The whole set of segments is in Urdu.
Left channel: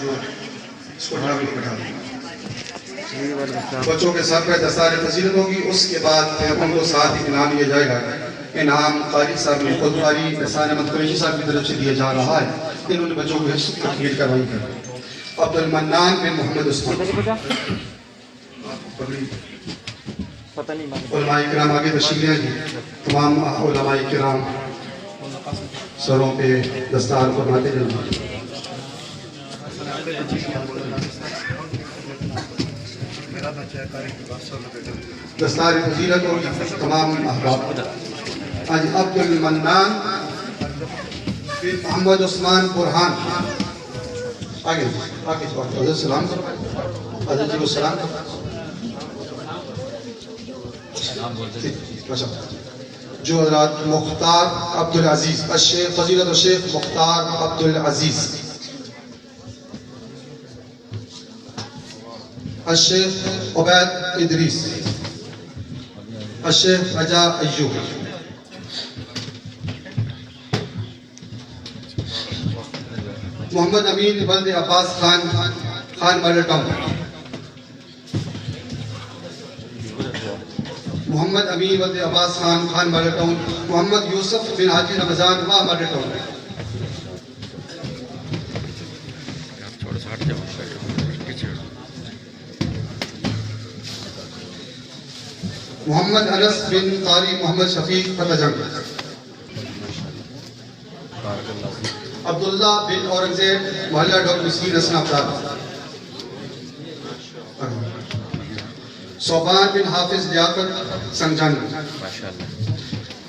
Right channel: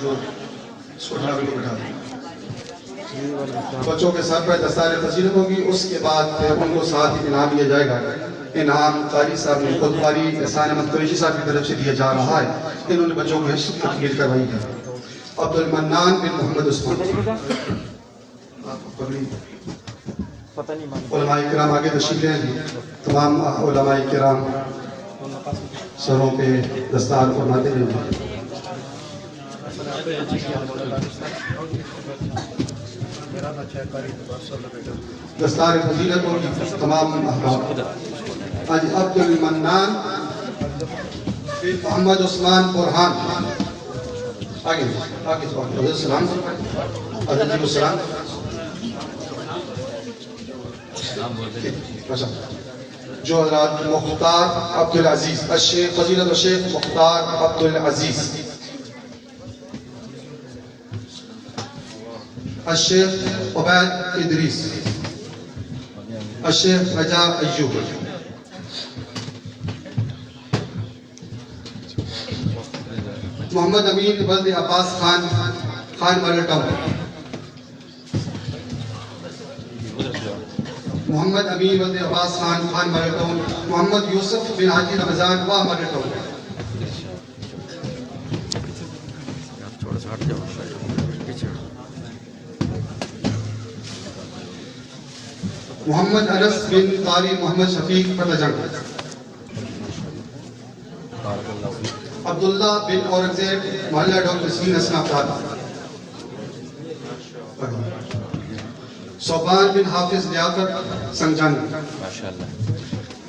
جو اس کو ڈھابے کو بٹھا دیں. بچوں کے ساتھ پہ دستار فضیلت ہوگی. اس کے بعد پھر ان کو ساتھ ہی انعام دیا جائے گا. انعام قاری صاحب نے خود قاری احسان احمد قریشی صاحب کی طرف سے دیا جا رہا ہے. انہوں نے بچوں کو حفظ تکمیل کروائی ہے. عبد المنان بن محمد عثمان. علماء کرام آگے تشریف لے آئیے. تمام علماء کرام سروں پہ دستار فرماتے جائیں. دستار فضیلت ہوگی تمام احباب. آج عبد المنان بن محمد عثمان برہان. آگے حضرت السلام. حضرت جی کو سلام. جو حضرات مختار عبدالعزیز الشیخ فضیلت الشیخ مختار عبدالعزیز الشیخ عبید ادریس الشیخ رجا ایوب محمد امین ولد عباس خان ماڈل ٹاؤن. محمد امین ولد عباس خان ماڈل ٹاؤن. محمد یوسف بن حاجی رمضان واہ ماڈل ٹاؤن. محمد انس بن طاری محمد شفیق فتح. عبداللہ بن اورنگزیب محلہ ڈاکٹر مسکین حسن افطار. صوبان بن حافظ لیاقت سنجان.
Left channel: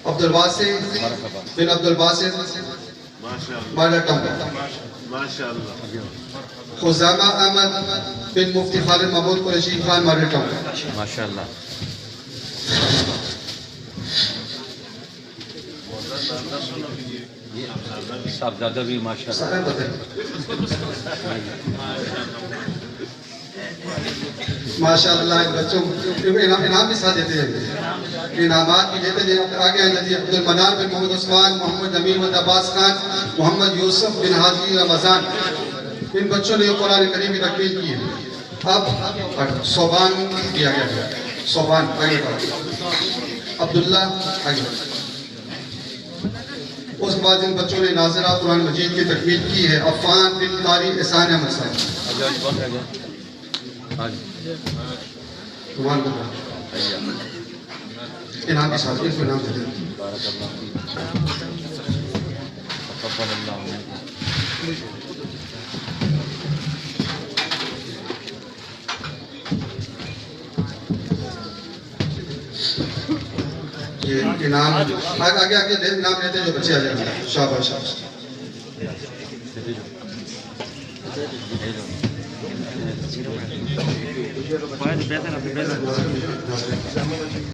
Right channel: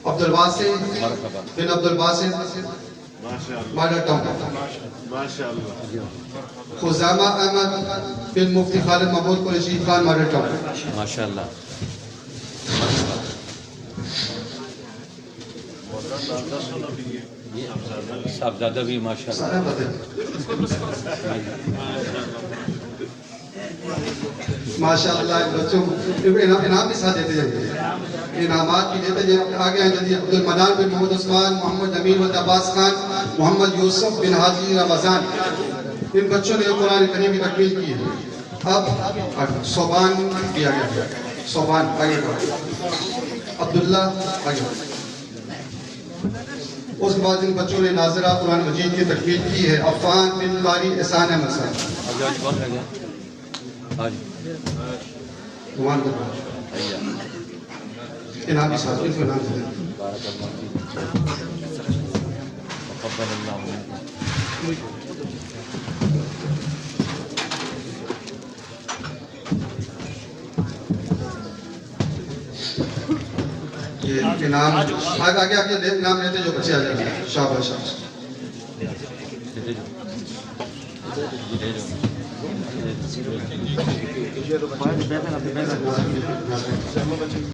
عبدالواسع بن عبدالباسط محلہ ٹاؤن. خزامہ احمد بن مفتی خالد محمود قریشی خان محلہ ٹاؤن. صاحبزادہ بھی ماشاءاللہ. ماشاءاللہ بچوں انعام بھی ساتھ دیتے ہیں. انعامات بھی دیتے ہیں. آگے آئیں جلدی. عبد المنان بن محمد عثمان محمد امین ولد عباس خان محمد یوسف بن حاجی رمضان. ان بچوں نے قرآن کریم کی تکمیل کی ہے. اب صوبان دیا گیا. صوبان عبداللہ آگے. اس کے بعد ان بچوں نے ناظرہ قرآن مجید کی تکمیل کی ہے. عفان بن قاری احسان احمد صاحب. انعام کے ساتھ ان کو انعام دے دیں. انعام آگے انعام لیتے جو بچے آ جائیں گے. شاباش شاباش.